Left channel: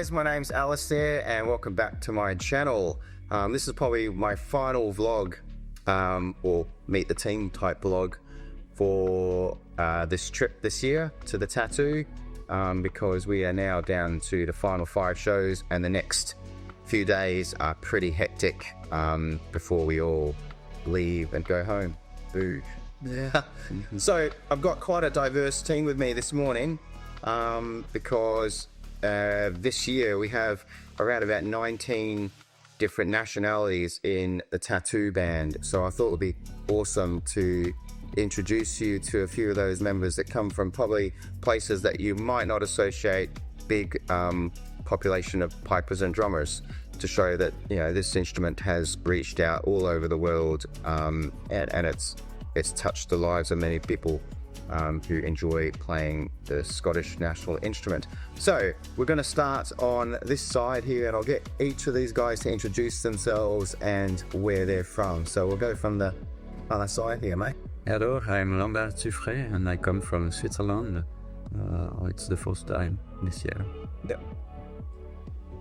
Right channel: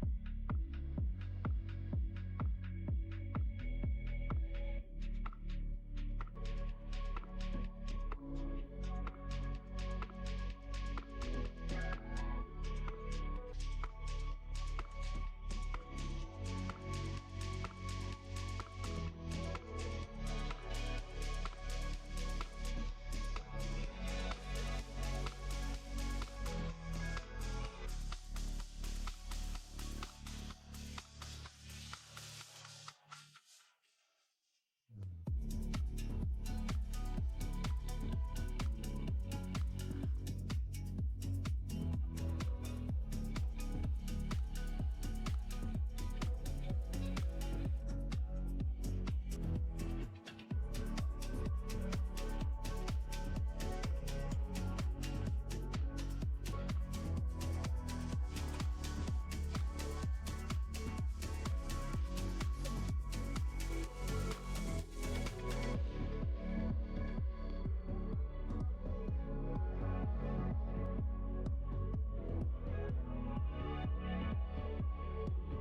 guys, my name's Alistair and welcome back to my channel. This is probably my final vlog or meet the team type vlog for this trip this year to the tattoo, because we are now down to the final 5 shows and the next few days are pretty hectic before we all leave and go home. Boo. Yeah. So I've got quite a diverse team with me this morning because this year we have around about 19 different nationalities in the tattoo band. So I thought it would be awesome to introduce you to a few of those members that come from probably places that you might not associate big population of pipers and drummers, to show that, you know, this instrument has reached out all over the world, and it's touched the lives of many people who enjoy playing the Scottish national instrument. So we're going to start on this side here, and I'll get each of these guys to introduce themselves and where they're from. So we'll go from the other side here, mate. Hello, I'm Lambert Suffray and I come from Switzerland. It's the first time this year. Yeah.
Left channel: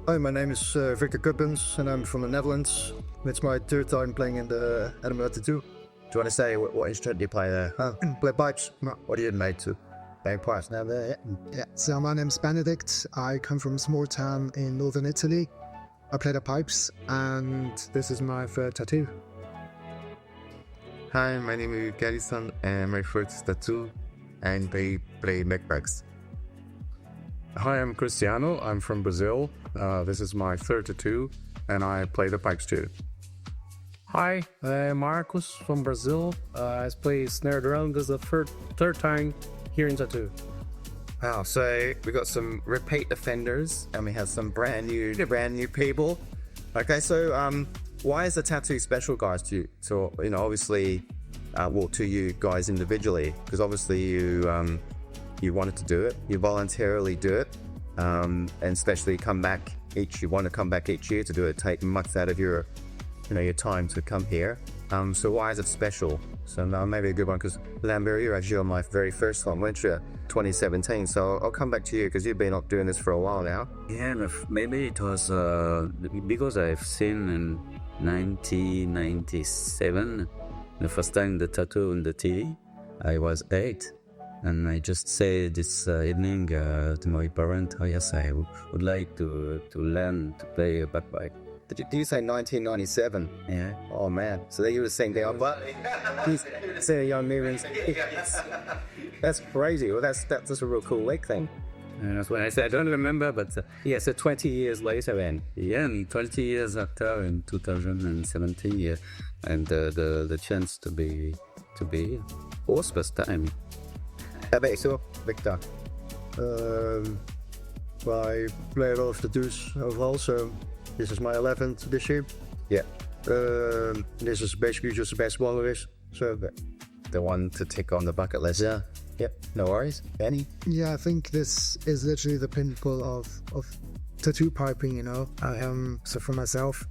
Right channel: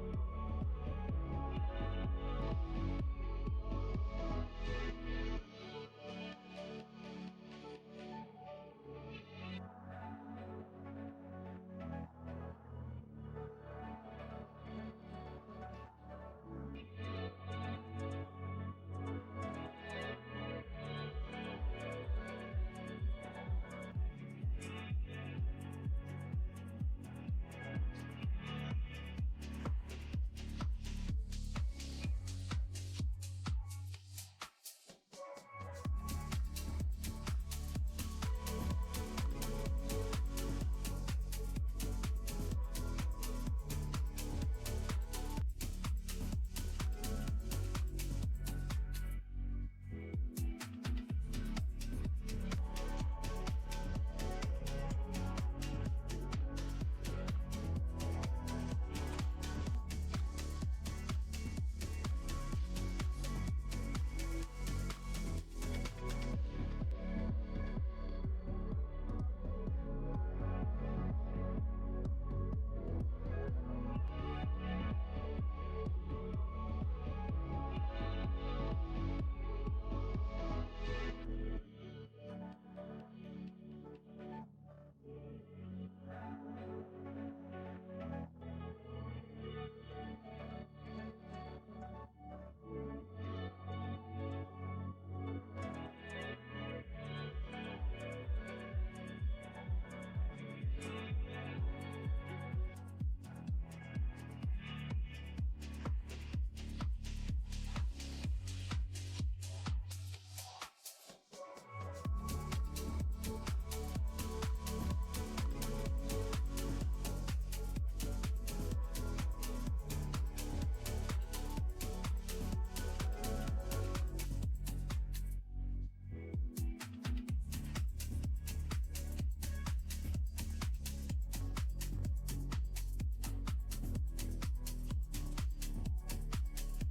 Hi, my name is Victor Kuppens and I'm from the Netherlands. It's my 3rd time playing in the Edinburgh Tattoo. Do you want to say what instrument do you play there? Play pipes. What are you made to? Playing pipes now there, yeah? Yeah, so my name's Benedict. I come from a small town in northern Italy. I play the pipes and this is my 3rd tattoo. Hi, my name is Garrison and my first tattoo, and I play backpacks. Hi, I'm Cristiano. I'm from Brazil. This is my 3rd tattoo, and I play the pipes too. Hi, I'm Marcos from Brazil. I play snare drum. This is the third time here in tattoo. Wow, so we got some repeat offenders and we have some brand new people. Okay, so why is the tattoo special, guys, to you? So, you know, obviously, well, to you guys individually, because obviously you wanted to do it, you voluntarily do it, and especially you want to come back each year to do it, take much out of your, you know, your time to come here. So why is it special? So now maybe a good one, because Lambert, you're actually on my very first one, weren't you? 2017. So I'll come back to you because you've been up doing this for a while now. Yeah, maybe it was because I've seen in 1997 the first time the tattoo on the TV. I was 8. And I just said this evening to my parents, oh yes, I would like to learn to play a bagpipe. Did you say 1997? Yeah. Oh man, so you were the same day I'm say a young Newlands. That's crazy. Well, that's a real cool leg thing. And that's what I said. I don't remember, but yeah. So 20 years later, then. Yeah, and 20 years after, in 2017, yeah, and the chance to be was first time. How about yourself, Victor? Well, I play a lot of tattoos overall, so this is my 11th this year. Yeah. This is basically just the best one there is. So the one to tick on the bucket list. Yeah. Yep. No worries. Benny? Yeah, I think this is literally the pinnacle of tattoo piping, you know. So for myself,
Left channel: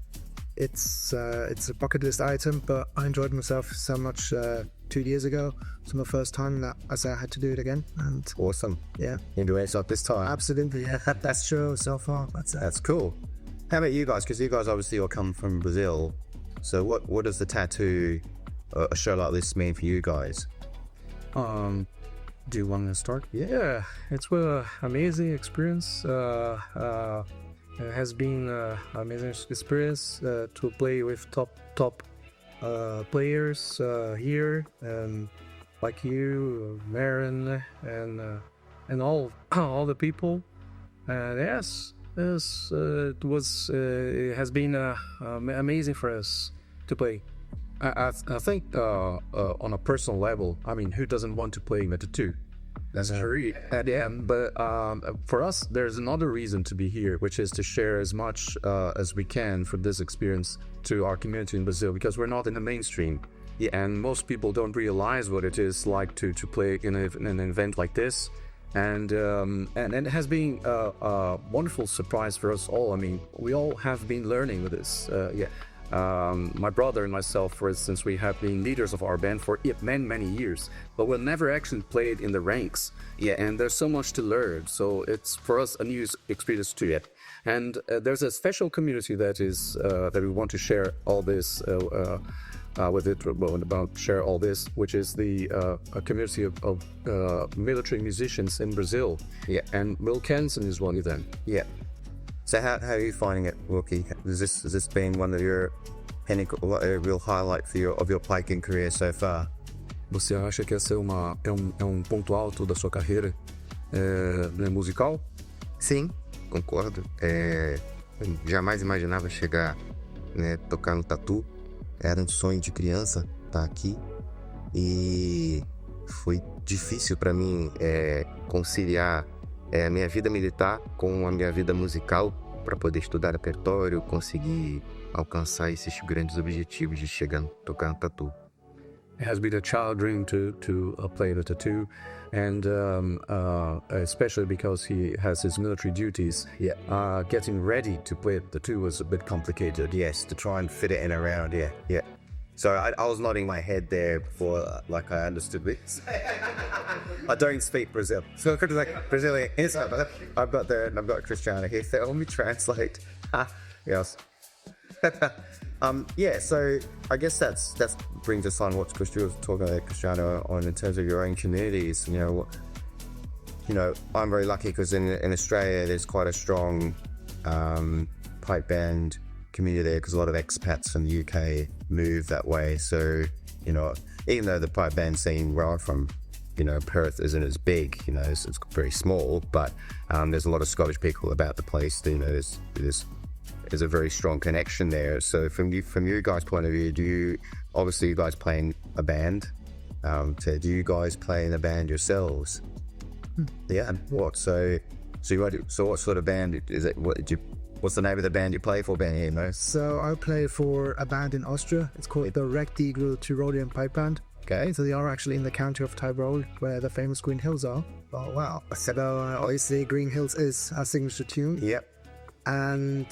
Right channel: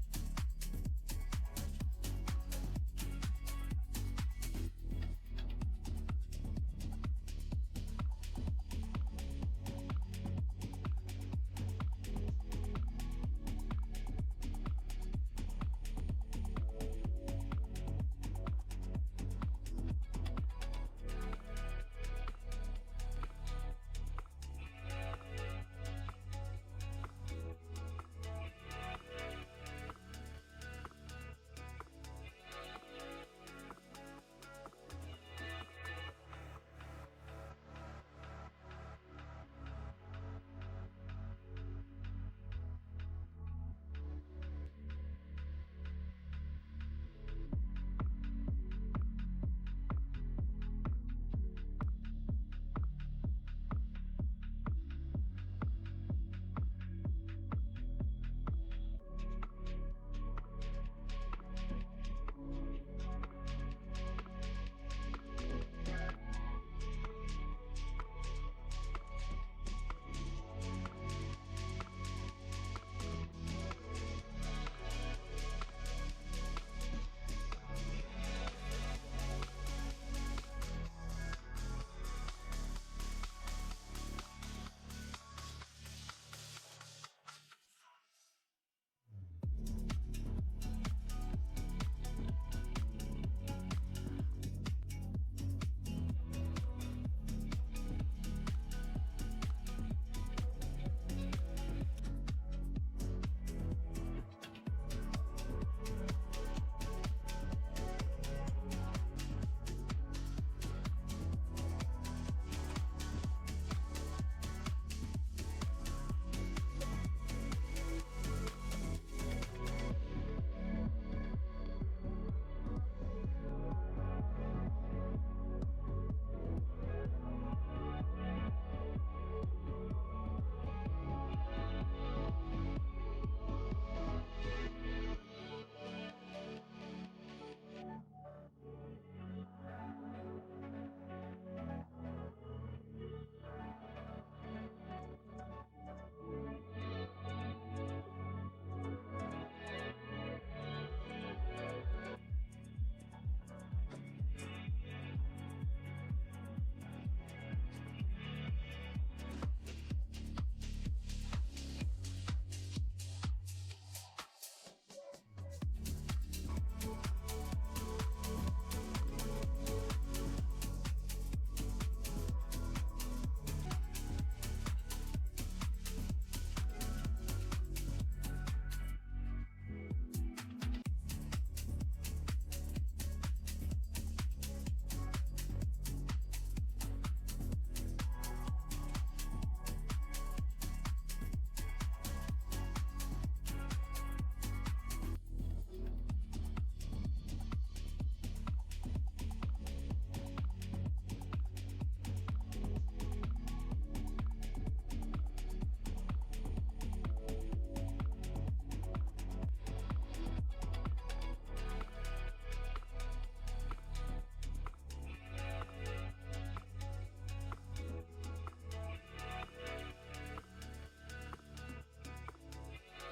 it's a bucket list item, but I enjoyed myself so much 2 years ago. It's my first time that I said I had to do it again. And awesome. Yeah. You do it this time? Absolutely, yeah. That's true so far. That's cool. How about you guys? Because you guys obviously all come from Brazil. So what does the tattoo, a show like this, mean for you guys? Do you want to start? Yeah, it's an amazing experience. It has been an amazing experience to play with top players here, and like you, Marin, and all the people. And yes, it has been amazing for us to play. I think on a personal level, I mean, who doesn't want to play the tattoo? That's true. At the end, but for us, there's another reason to be here, which is to share as much as we can from this experience to our community in Brazil, because we're not in the mainstream. Yeah, and most people don't realize what it is like to play in an event like this. And it has been a wonderful surprise for us all. I mean, we all have been learning with this. Yeah. My brother and myself, for instance, we have been leaders of our band for many years, but we'll never actually played in the ranks. Yeah. And there's so much to learn, so it's for us a new experience too. Yeah. And there's a special community that is that we want to share all this with it, about share all this, which is the a community of military musicians in Brazil. Yeah. And Will Kenson is one of them. Yeah. So how are you finding it, Wilkie? Has this been one of your real highlight of your piking career so far? Você acha que essa é um ponto alto da sua carreira musical? Sim, concordo. Eu jamais imaginava chegar, né, tocar no tatu. Era um sonho de criança estar aqui. E foi difícil para mim conciliar a minha vida militar com a minha vida musical para poder estudar repertório, conseguir alcançar esses grandes objetivos de chegar a tocar no tatu. It has been a child dream to play the tattoo, and especially because he has his military duties. Yeah. Getting ready to play the tattoo was a bit complicated. Yes, to try and fit it in around. Yeah. So I was nodding my head there before, like I understood this. I don't speak Brazil, so it's like Brazilian. I've got Cristiano here. So let me translate. Yes. Yeah. So I guess that's brings us on what Cristiano was talking about, Cristiano, on in terms of your own communities. You know, I'm very lucky because in Australia there's quite a strong pipe band community there, because a lot of expats from the UK move that way. So, you know, even though the pipe band scene where I'm from, you know, Perth isn't as big, you know, it's very small, but there's a lot of Scottish people about the place. You know, there's a very strong connection there. So from you guys' point of view, do you obviously you guys play in a band? So do you guys play in a band yourselves? Yeah. What? So what sort of band is it? What's the name of the band you play for, Ben? Here, no? So I play for a band in Austria. It's called the Rechteagle Tyrolean Pipe Band. Okay. So they are actually in the county of Tyrol, where the famous Green Hills are. Oh wow. So obviously Green Hills is our signature tune. Yep. And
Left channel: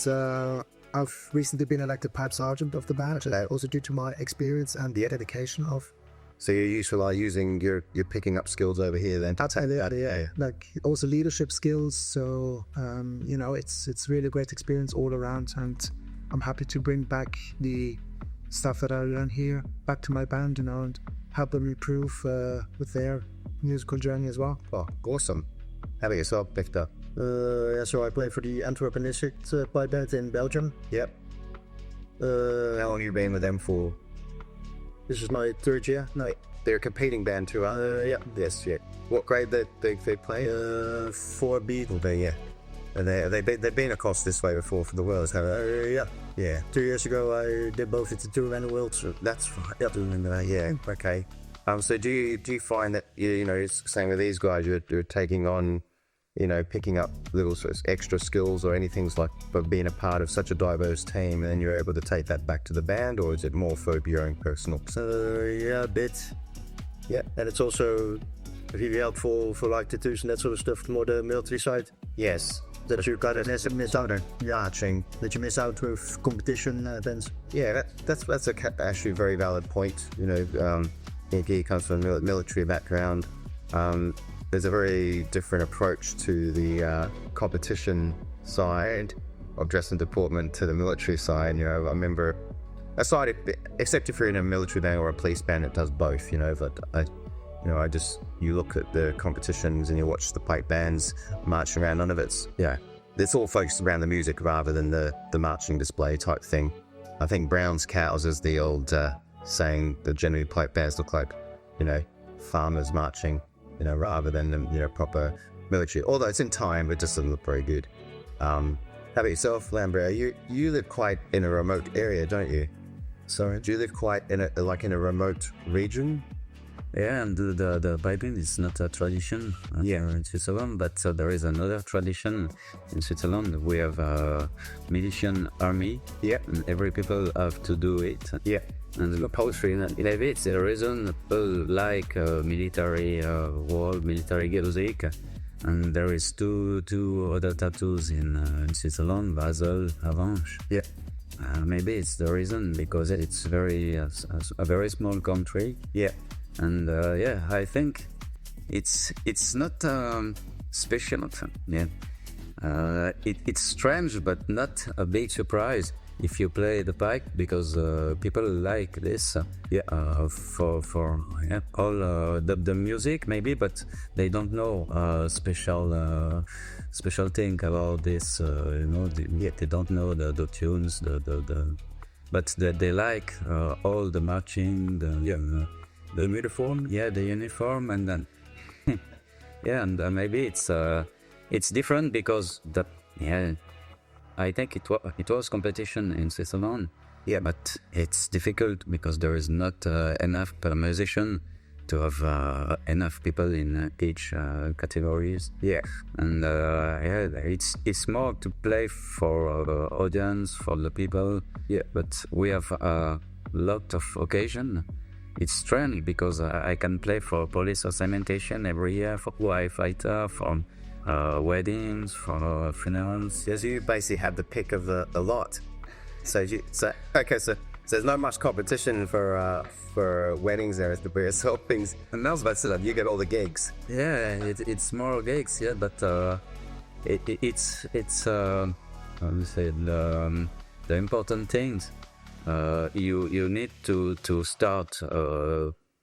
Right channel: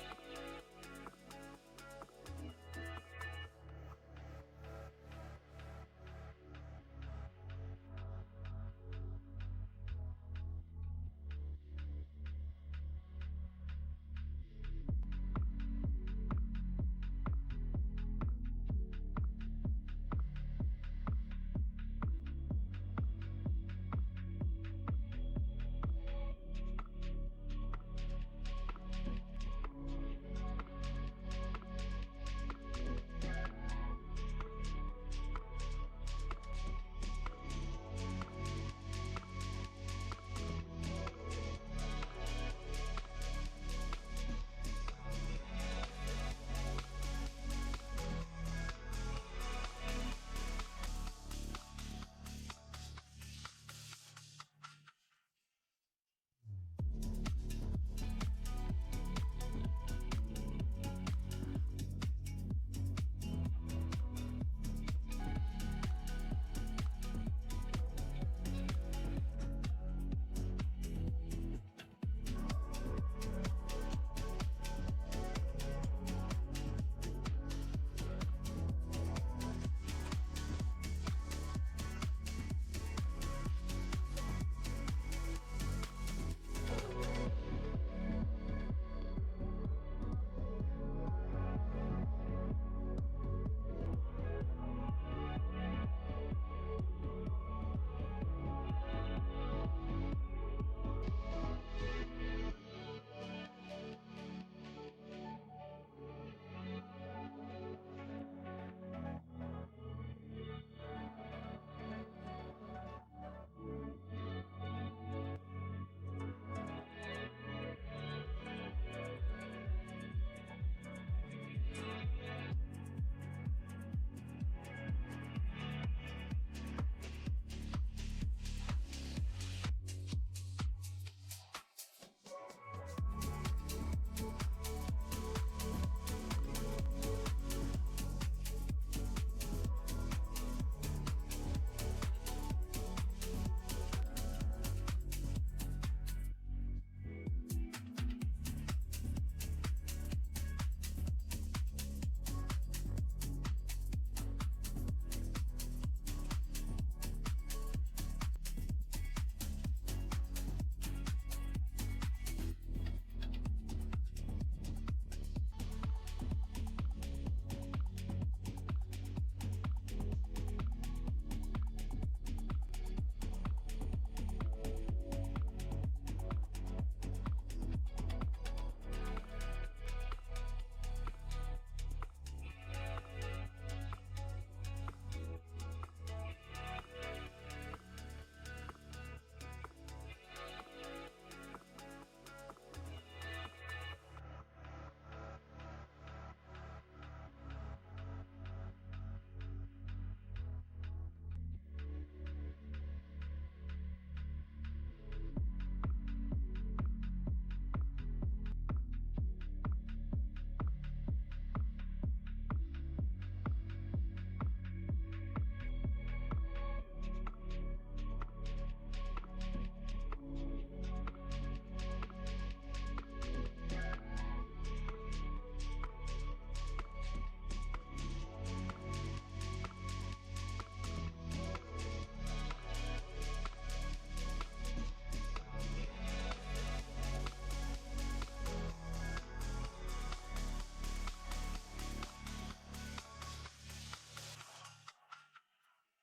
I've recently been elected pipe sergeant of the band, also due to my experience and the dedication of. So you're used to like using your picking up skills over here then? I'd say that, yeah. Like also leadership skills. So you know, it's really a great experience all around, and I'm happy to bring back the stuff that I learned here back to my band, you know, and help them improve with their musical journey as well. Oh, awesome. How about yourself, Victor? Yeah, so I play for the Antwerp pipe band in Belgium. Yep. How long have you been with them for? This is my third year. No, They're a competing band too, aren't they? yeah. Yes, yeah. What grade they play? 4B. Well, yeah. And they've been across this way before for the Worlds, have they? Yeah. Yeah. 2 years ago, I did both the Tattoo and the Worlds. So That's right. Yep. Yeah. Okay. So do you find that you know, it's same with these guys, you're taking on, you know, picking up little sort of extra skills or anything like, but being a part of such a diverse team, and then you're able to take that back to the band, or is it more for your own personal? yeah, a bit. Yeah. And it's also really helpful for like tattoos and that sort of stuff, more the military side. Yes. That you kind of miss out on. Yeah, that you miss out with competition events. Yeah, that's actually a very valid point. You know, he comes from a military background. There's a very different approach to the competition side of dress and deportment to the military side. You know, I remember, except if you're in a military band or a police band, it does both. You know, but you look at the competitions and you watch the pipe bands marching around. None of it's all focused around the music rather than the marching display type thing. I think Brown's cows is the old saying that generally pipe bands look like, you know, farmers marching, you know, rather than the, you know, proper military. Although it's in time, it just doesn't look very good. How about yourself, Lambert? You live quite in a remote area, don't you? Sorry, do you live quite in a remote region? Yeah, and the piping is not a tradition in Switzerland, but there is another tradition in Switzerland. We have a militian army. Yeah. And every people have to do it. Yeah. And the poetry in it, the reason people like military world, military music. And there is two other tattoos in Switzerland, Basel, Avanches. Yeah. maybe it's the reason because it's a very small country. Yeah. And yeah, I think it's not special. Yeah, it's strange, but not a big surprise if you play the pipe because people like this. For yeah, all the music maybe, but they don't know special thing about this. They don't know the tunes, but they like all the marching, the uniform. Yeah, the uniform, and then yeah, and maybe it's different because I think it was competition in Switzerland. Yeah, but it's difficult because there is not enough per musician to have enough people in each categories. Yeah, and it's more to play for audience, for the people. Yeah, but we have a lot of occasion. It's strange because I can play for police or cementation every year, for firefighter, for weddings, for funerals. so you basically have the pick of the lot. So there's not much competition for weddings there, the various things. And that's about it. You get all the gigs. Yeah, it's more gigs. Yeah, but it's how do you say the important things. You need to start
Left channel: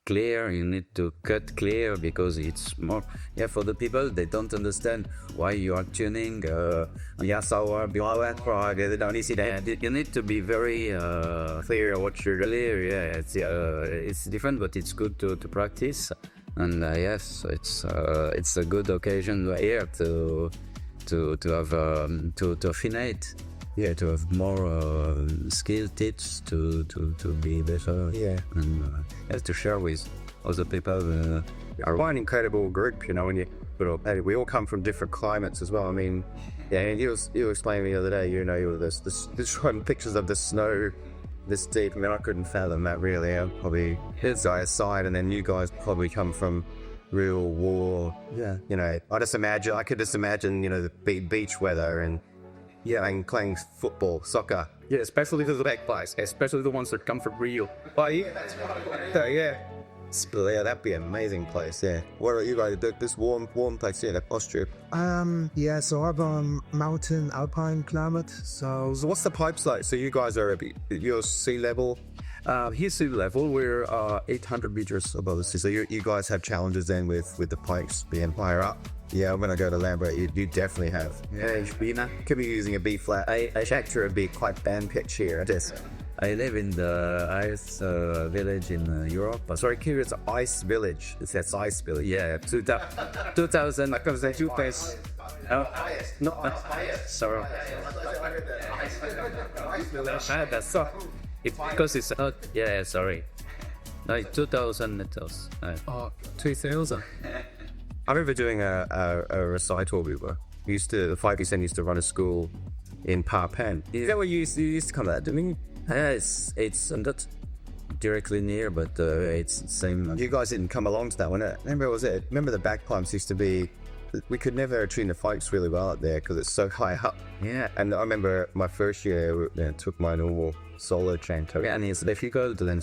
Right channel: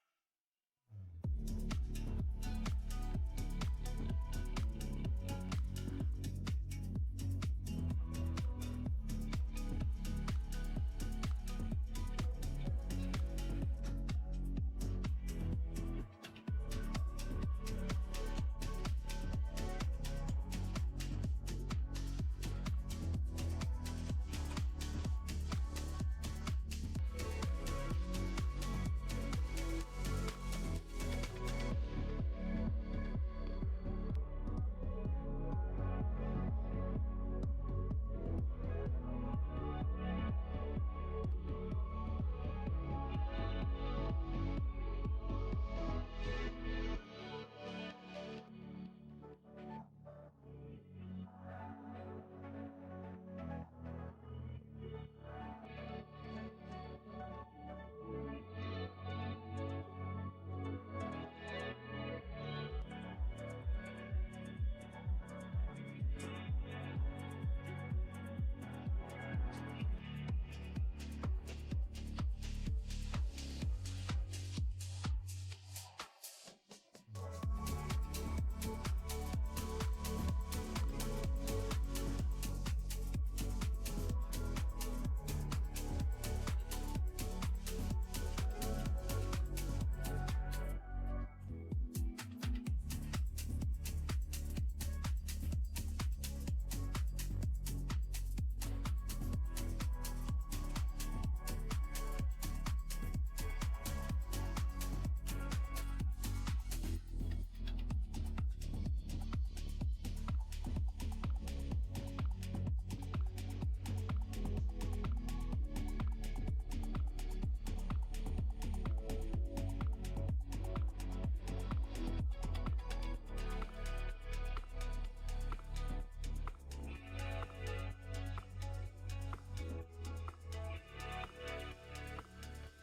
clear. You need to cut clear because it's more for the people. They don't understand why you are tuning. They don't see that. You need to be very Clear what you're clear. Yeah, it's different, but it's good to practice. And yes, it's a good occasion here to have to affinate. Yeah, to have more skill tips to be better. Yeah, and to share with other people. Are quite an incredible group, but we all come from different climates as well. I mean, you explained to me the other day, you were this showing pictures of the snow this deep. I mean, I couldn't fathom that really. I'd probably die aside, and then you guys probably come from real war. Yeah. I could just imagine, the beach weather and playing football, soccer. Yeah, especially the back guys, especially the ones that come from Rio. Oh yeah, yeah. That'd be an amazing place. Yeah. What are you guys? This warm place here, Austria. Yeah, so I'm mountain alpine climate. So what's the pipes like? So you guys are you're sea level. Here's sea level. We're 800 meters above the sea. So you guys have challenges then with the pipes being higher up. Yeah, when I go to Lambert, you definitely have. Yeah, could be using a B flat. I checked a B quite band pitch here. I live in the ice village in Europe. Sorry, here it's Ice Village. It says Ice Village. Yeah, 2000. I can say two face. No, sorry. That's so. Because it's not. Yeah, sorry. Like 2,000 meters. 2000. I remember doing a recital. The 5% used to run a school in Parpan. Is that where you used to come at? Didn't you? Yeah, it's not directly near, but it's the same. You guys didn't come along to that one, eh? Remember the back pumps used to be. We could never tune the pipes really well out there because it's so high up. Yeah. And I remember my first year, took my normal solo chanto. Yeah, and it's difficult to then.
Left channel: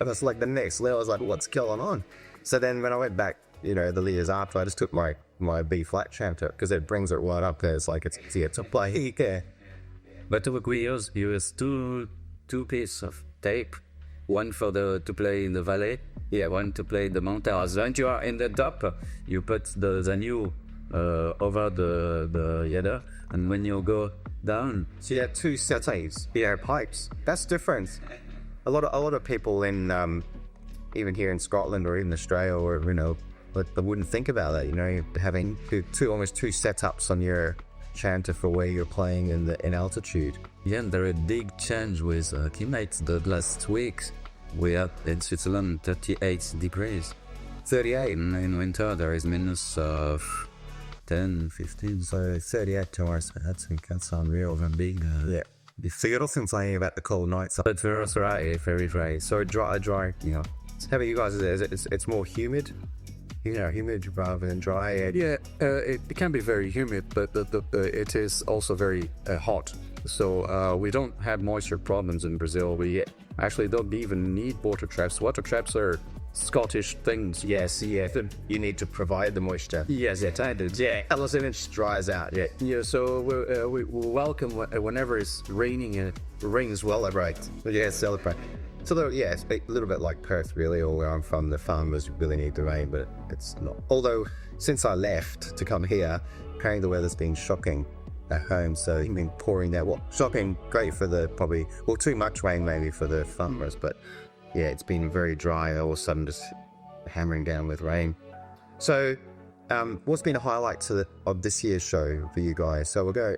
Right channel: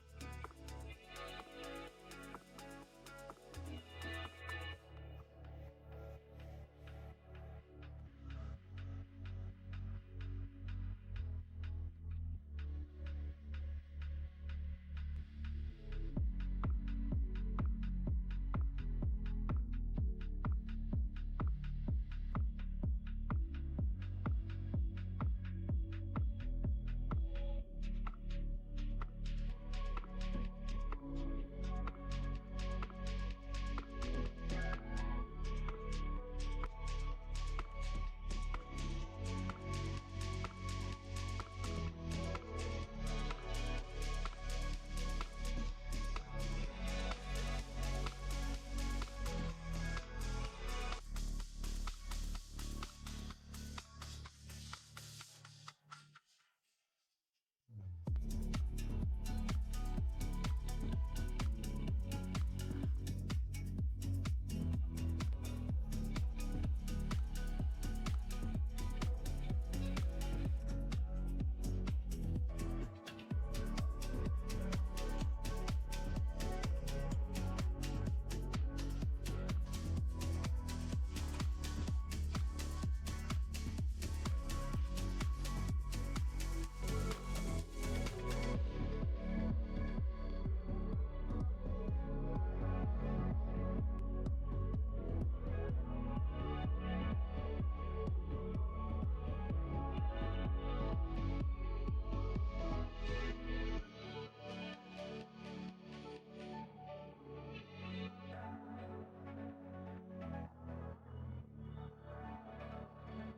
And that's like the next level. I was like, what's going on? So then when I went back, the years after, I just took my B flat chanto because it brings it right up there. It's like it's easier to play. Yeah. But we use two pieces of tape, one to play in the valley, one to play the mountains. When you are in the top, you put the new over the other, and when you go down, so you have two sets, pipes. That's different. A lot of people in even here in Scotland or even Australia or but they wouldn't think about that. Having almost two setups on your chanter for where you're playing in altitude. Yeah, and there is a big change with climates. The last week we had in Switzerland 38 degrees. 38? In winter there is minus 10, 15. So 38 to us, that's unreal and big. Yeah. So you're not complaining about the cold nights. But very dry. So dry. How about you guys? It's more humid? humid rather than dry. Yeah, it can be very humid, but it is also very hot. So we don't have moisture problems in Brazil. We actually don't even need water traps. Water traps are Scottish things. Yes, yeah. You need to provide the moisture. Yes, it is. Yeah, unless it just dries out. Yeah. Yeah, so we welcome whenever it's raining. It rains well. Celebrate. Yeah, celebrate. So yeah, it's a little bit like Perth, really, or where I'm from. The farmers really need the rain, but it's not. Although since I left to come here, apparently the weather's been shocking at home. So it's been pouring down. Well, shocking, great for the too much rain maybe for the farmers, but yeah, it's been very dry. All of a sudden, just hammering down with rain. So, what's been a highlight of this year's show for you guys? So we'll go.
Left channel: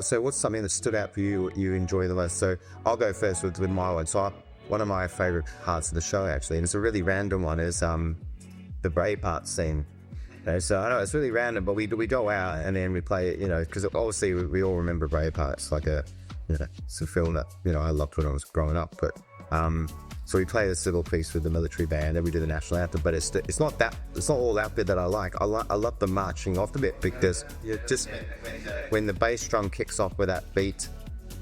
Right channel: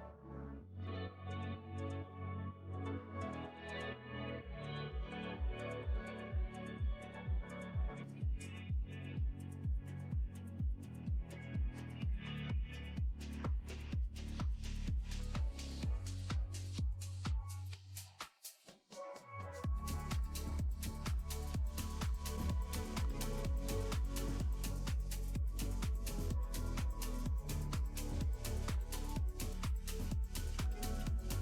So what's something that stood out for you, you enjoy the most? So I'll go first with my one. So one of my favorite parts of the show, actually, and it's a really random one, is the brave part scene. So I know it's really random, but we go out and then we play it, because obviously we all remember Braveheart. It's like it's a film that I loved when I was growing up. But so we play this little piece with the military band, and we do the national anthem. But it's not all that bit that I like. I love the marching off the bit, because just when the bass drum kicks off with that beat,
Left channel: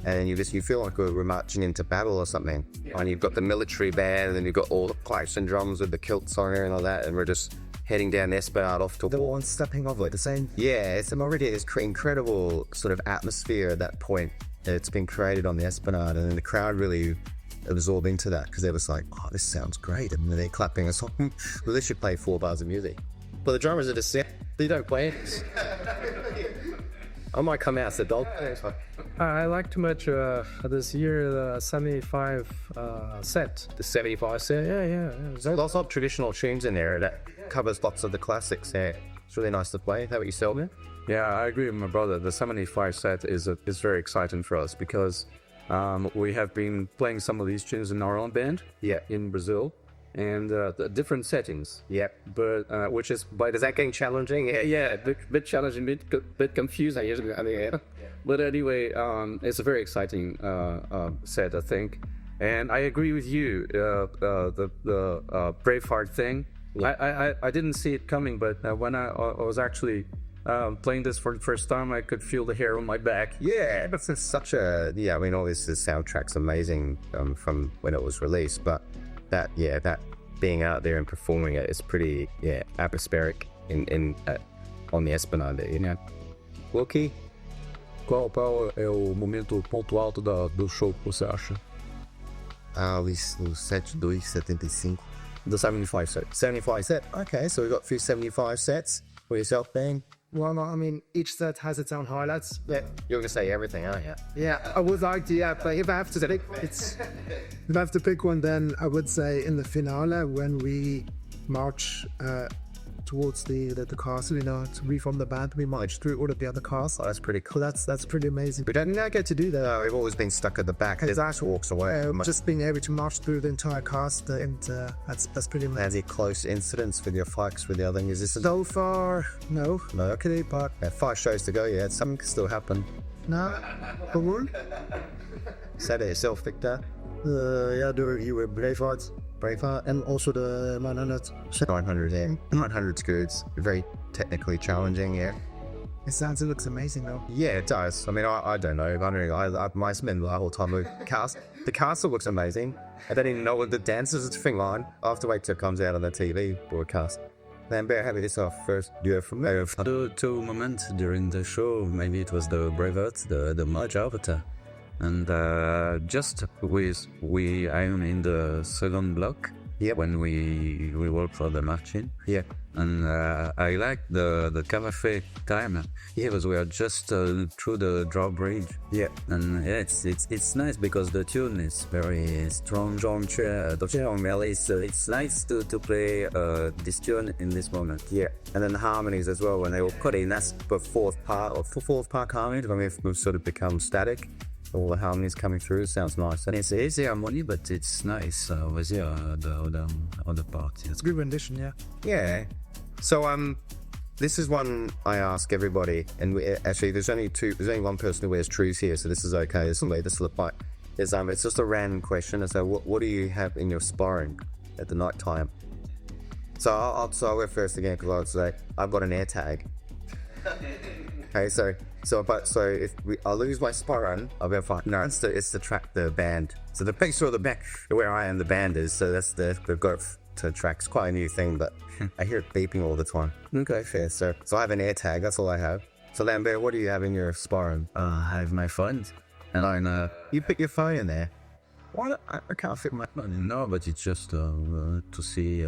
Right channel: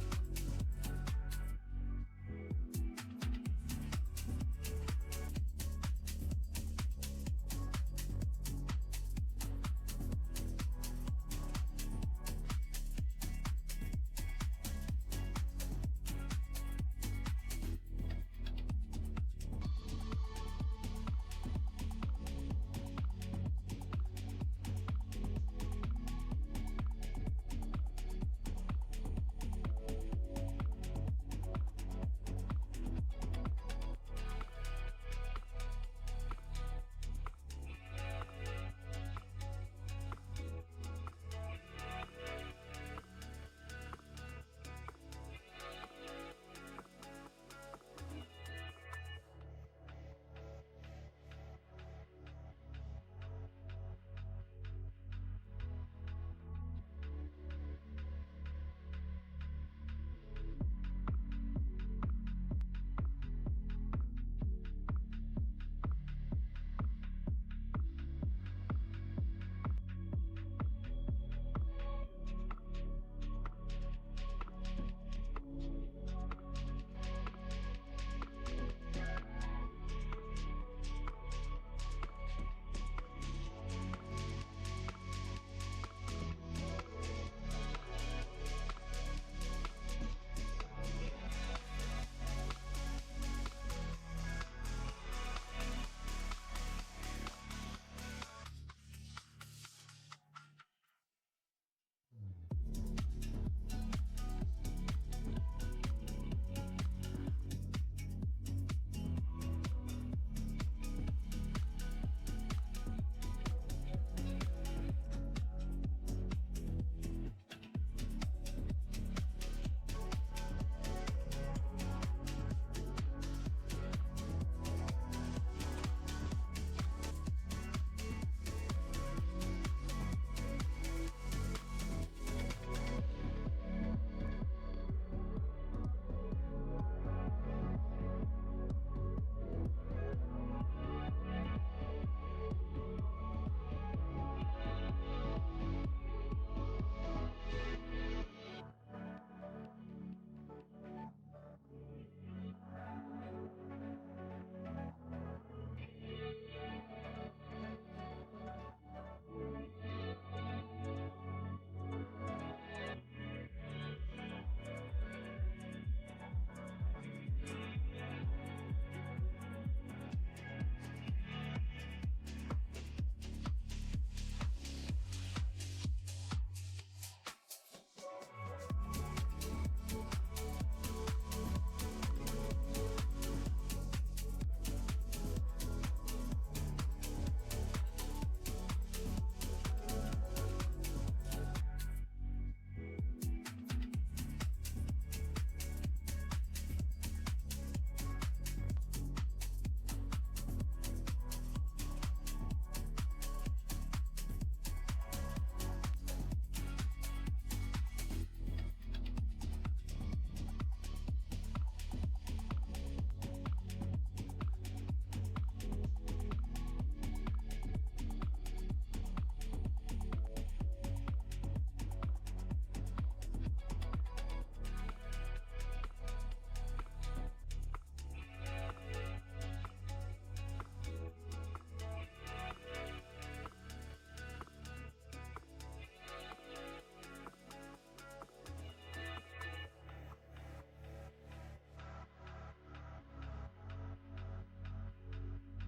and you feel like we're marching into battle or something. And you've got the military band, and then you've got all the pipes and drums with the kilts on there and all that, and we're just heading down Esplanade off to The one stepping off like the same. Yeah, it's already this incredible sort of atmosphere at that point. It's been created on the Esplanade, and then the crowd really absorbed into that, because they was like, oh, this sounds great, and then they're clapping us on. Well, they should play 4 bars of music. But the drummers are just they don't play it. I might come out as a dog. I like too much this year the 75 set. The 75 set. Yeah. There's lots of traditional tunes in there that covers lots of the classics there. It's really nice to play. How about yourself, man? Yeah, I agree with my brother. The 75 set is very exciting for us, because we have been playing some of these tunes in our own band. Yeah. In Brazil, and the different settings. Yeah. But which is Is that getting challenging? yeah, bit challenging, bit confusing. But anyway, it's a very exciting set, I think. And I agree with you. The Braveheart thing. Yeah. I didn't see it coming, but when I was actually playing this for the first time, I could feel the hair on my back. Yeah, that's such a I mean, obviously the soundtrack's amazing from when it was released, but that being out there and performing it is pretty atmospheric on the Esplanade there. Yeah. Wilkie? Qual é o ponto alto do show que você acha? O 7275. The 75 set. 75 set. Okay, so we've got a few 75 sets for yourself, Ben. Well, I mean, each set has its own highlights. Yeah, you're gonna say everything, aren't you? Yeah, I would like to. But if I have to pick one, then I would say in the finale, when we march towards the castle, to reform the band, we march through all of the other castles. Oh, that's pretty cool. That's pretty amazing. We don't get to do that. We've always been stuck at the back. His ass walks away. Just being able to march through the entire cast, and that's pretty amazing. Any close incidents with your fights with the other musicians? So far, no. No, okay, but 5 shows to go yet. Something can still happen. No. Said it yourself, Victor. You were Braveheart, and also the 900. 900, yeah. 900's good. It's very technically challenging, yeah. It looks amazing though. Yeah, it does. I mean, I don't know. I spend the whole time with the castle looks amazing. I don't even know what the dances is thing line. I'll have to wait till it comes out on the TV broadcast. Then better have this off first. Do you have from there? Two moments during the show. Maybe it was the Braveheart, the March Avatar. And just I'm in the second block. Yep. When we work for the marching. Yeah. And I like the cafe time. Yeah, because we are just through the drawbridge. Yeah. And it's nice because the tune is very strong. So it's nice to play this tune in this moment. Yeah. And then the harmonies as well, when they all put in, that's the fourth part harmonies, when we've sort of become static. All the harmonies coming through, sounds nice. And it's easy harmony, but it's nice with the other part. It's a good rendition, yeah. Yeah. So this is one I ask everybody, and actually there's only one person who wears trues here, so this is okay. This will apply. It's just a random question. So what do you have in your sparring at the night time? So I'll go first again because I was like, I've got an air tag. Okay, so if I lose my Sparran, I'll be fine. No, it's to track the band. So the picture of the back where I am, the band is. So that's the growth to track. It's quite a new thing, but I hear it beeping all the time. Okay, fair. So I have an air tag. That's all I have. So Lambert, what do you have in your Sparran? I have my phone, and I You put your phone in there. Why? I can't fit my phone. no, but it's just to see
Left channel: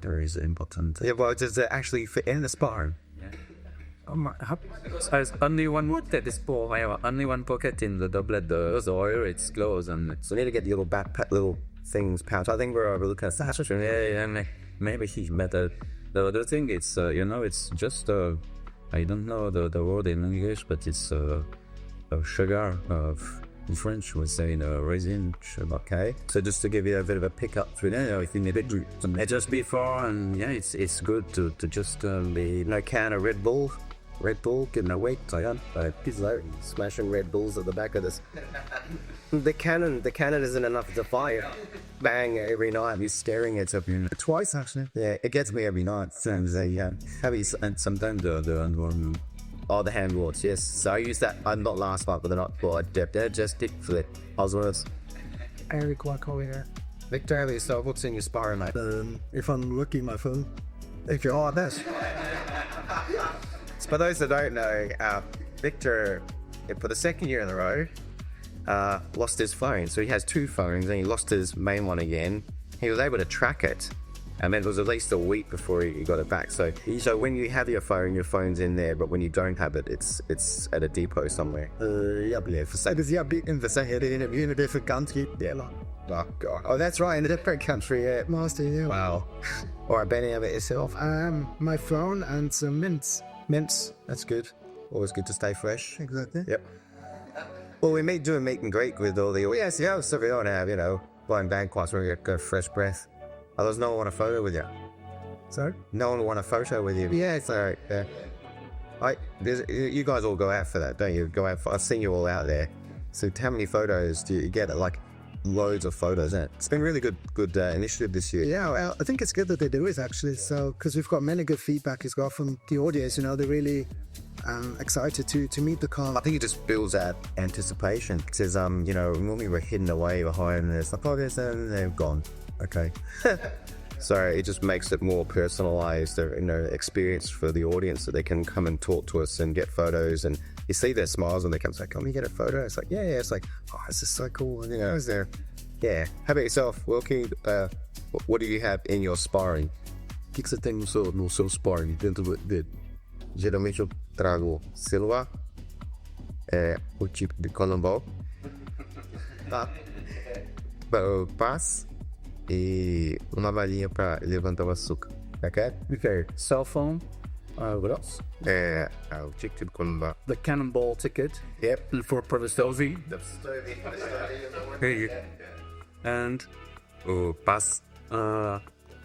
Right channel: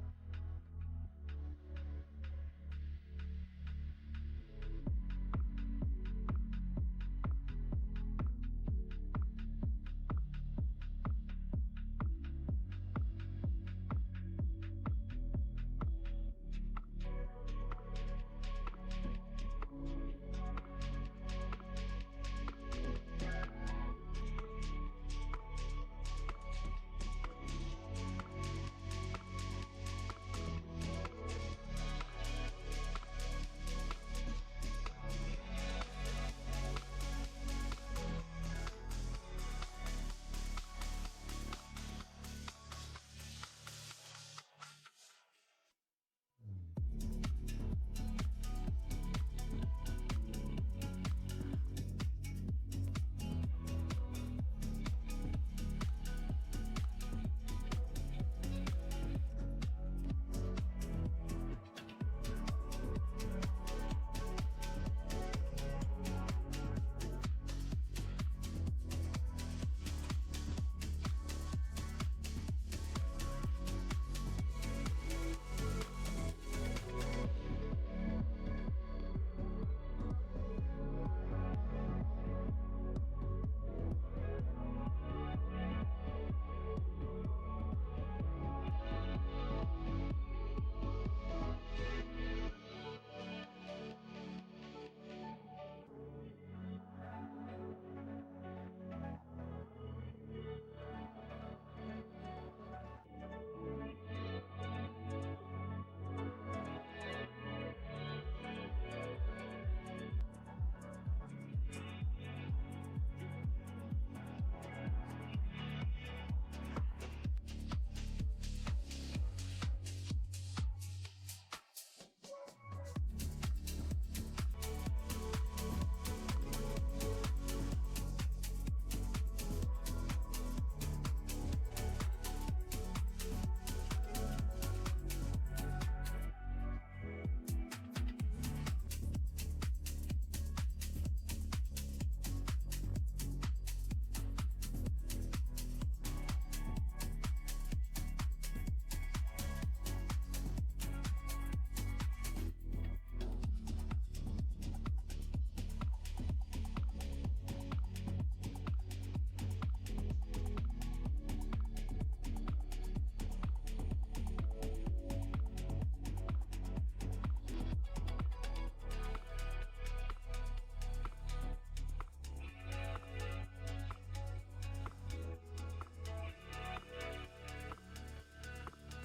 there is important. Yeah, well, does it actually fit in the Sparran? There's only one that is full. I have only one pocket in the doublet. The other it's closed, and So we need to get the little backpack, little things pouch. I think we're looking at that. maybe he better. The other thing, it's it's just I don't know the word in English, but it's sugar. In French, we say resin sugar. Okay. So just to give you a bit of a pickup through there, if you need it, Just before, and yeah, it's good to just be no can of Red Bull, getting awake. Smashing Red Bulls at the back of this. The cannon isn't enough to fire. Bang every night. He's staring at something. Twice actually. Yeah, it gets me every night. Sometimes and sometimes the Oh, the hand wards, yes. So I used that, not last night, but the night before. I just did flip. Oswald's. Eric Wakoya. Victor, have yourself. What's in your Sparran, mate? If I'm lucky, my phone. If you're this. For those that don't know, Victor, for the second year in a row, lost his phone. So he has two phones, and he lost his main one again. He was able to track it, and then it was at least a week before he got it back. So when you have your phone's in there, but when you don't have it, it's at a depot somewhere. in a different country. Yeah. Oh, God. Oh, that's right, in a different country, yeah. Master, yeah. Wow. All right, Benny, have it yourself. My phone and some mints. Mints, that's good. Always good to stay fresh. Exactly. Yep. Well, we do a meet and greet with all the so we don't have, blind bag quads where we get fresh breath. Others, no one want a photo with you. Sorry? No one want a photo with you. Yeah. So, you guys all go out for that, don't you? I've seen you all out there. So how many photos do you get? Like loads of photos, isn't it? It's been really good initiative this year. Yeah, well, I think it's good that they do it actually. So, because we've got many good feedback as well from the audience, they're really excited to meet the car. I think it just builds that anticipation. It says, normally we're hidden away behind this. Like, they're gone. Okay. So it just makes it more personalized, experience for the audience, that they can come and talk to us and get photos, and you see their smiles when they come and say, "Can we get a photo?" It's like, yeah. It's like, oh, this is so cool. And, is there? Yeah. How about yourself, Wilkie? What do you have in your sparring? O que você tem no seu sparring dentro dele? Geralmente eu trago celular, o tipo de colombol, paz e uma varinha para levantar o açúcar. Okay. Cell phone. What else? O ticket de colombol. The cannonball ticket. Yep. For the Stovey. And O paz.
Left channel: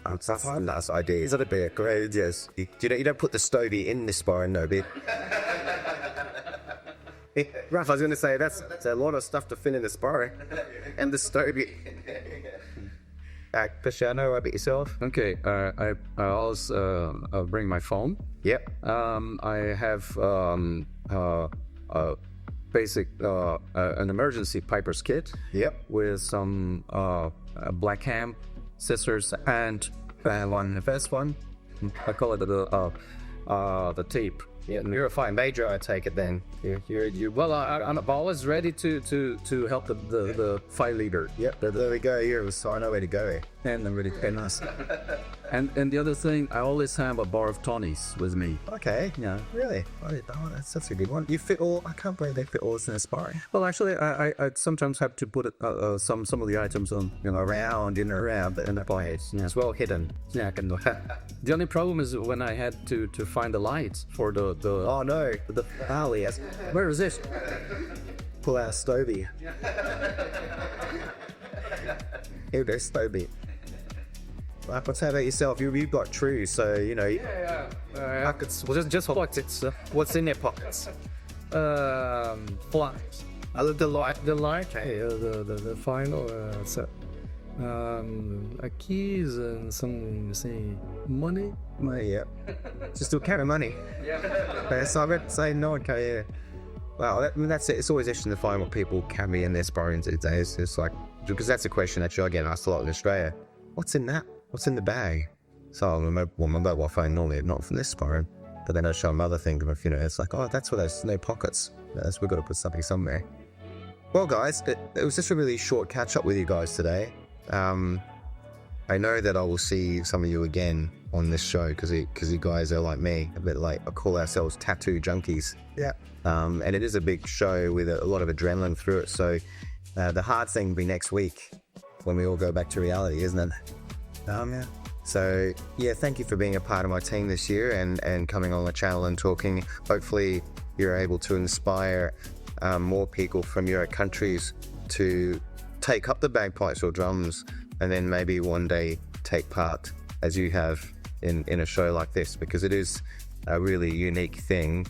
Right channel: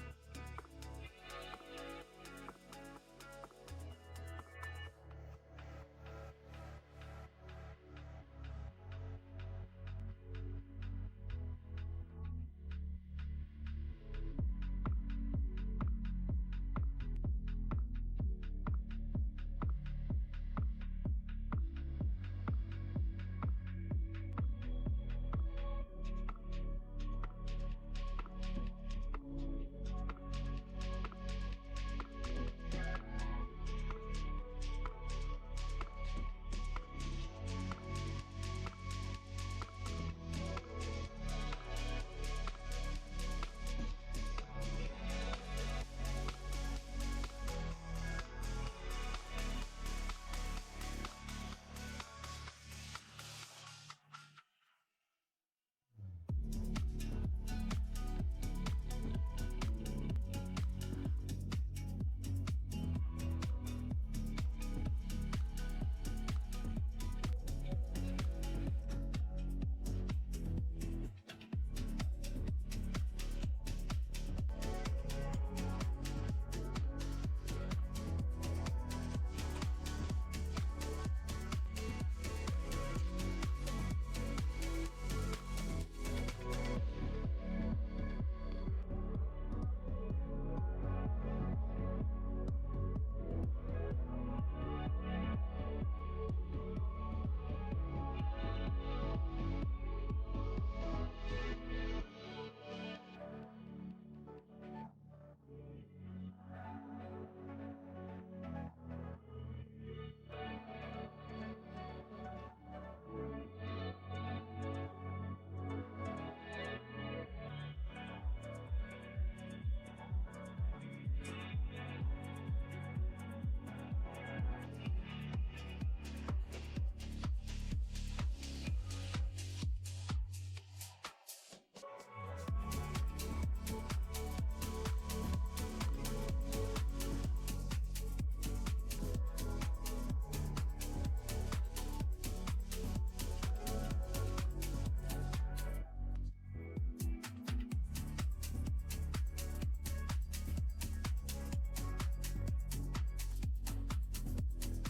That's idea. Is that a bit great? Yes. You don't put the stovey in the sparring, no, bit. Ralph, I was going to say that's a lot of stuff to fit in the sparring, and the stovey. Cristiano, how about yourself? Okay, I always bring my phone. Yep. I have a basic an emergency piper's kit. Yep. With some black ham, scissors, and the best one. I call it the tape. Yeah, you're a fine major, I take it then. You well, I'm always ready to help the fight leader. Yep, there we go. So I know where to go. And I'm ready to pin us. And the other thing, I always have a bar of tonics with me. Okay. Yeah. Really? That's a good one. You fit all. I can't believe they fit all this in a sparring. Well, actually, I sometimes have to put it, some of the items on, around, but in the pockets. Yeah. It's well hidden. Yeah, I can do it. The only problem is when I had to find the lights for the. Oh no, the alley. Where is this? Pull out Stovey. Here, there's Stovey. What's about yourself? You've got True, so pockets. Well, just pockets. What's in their pockets? Flies. I love the light. The light. The final. Keys and some money. Money, yeah. Just to carry money. Yeah. So I would say no, okay, yeah. Well, that's it. It's always interesting to find what people carry in their sparring these days. It's like, because that's a question that I get asked a lot in Australia. What's in that? What's in the bag? So my mobile phone normally not from this sparring, but then I show them other things. You know, it's like, oh, that's where there's no pockets. We've got to put something somewhere. Well, guys, it was just a really short catch up with you guys today. I know that I will see some of you again on this show because you guys are like me, a bit like I call ourselves tattoo junkies. Yeah. And it is a big show with a lot of adrenaline through it. So the hard thing will be next week when we all go back to reality, isn't it? Yeah. So yeah, thank you for being a part of my team this year and coming on the channel and talking. Hopefully you're able to inspire more people from your countries to take up the bagpipes or drums and then maybe one day take part as you have in a show like this, because it is a really unique thing.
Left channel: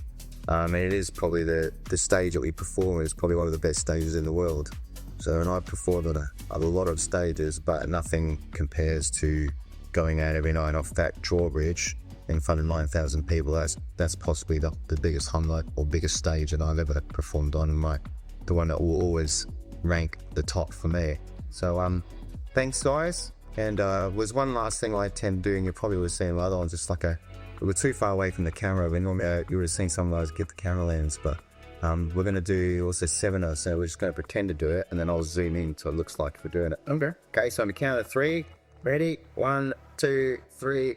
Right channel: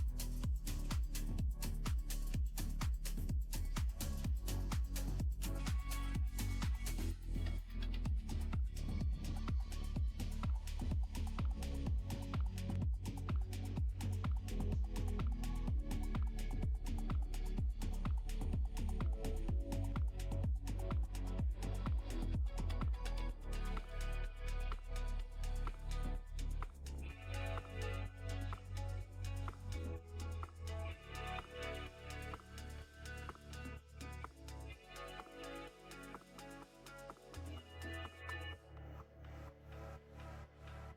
And it is probably the stage that we perform is probably one of the best stages in the world. So, and I've performed on a lot of stages, but nothing compares to going out every night off that drawbridge in front of 9,000 people. That's possibly the biggest highlight or biggest stage that I've ever performed on, and the one that will always rank the top for me. So thanks guys. And was one last thing I tend doing, you probably would have seen the other ones, just like we were too far away from the camera. We normally you would have seen some of those get the camera lens, but we're going to do also 7 or so. We're just going to pretend to do it, and then I'll zoom in so it looks like we're doing it. Okay, so I'm going to count to 3. Ready? 1, 2, 3.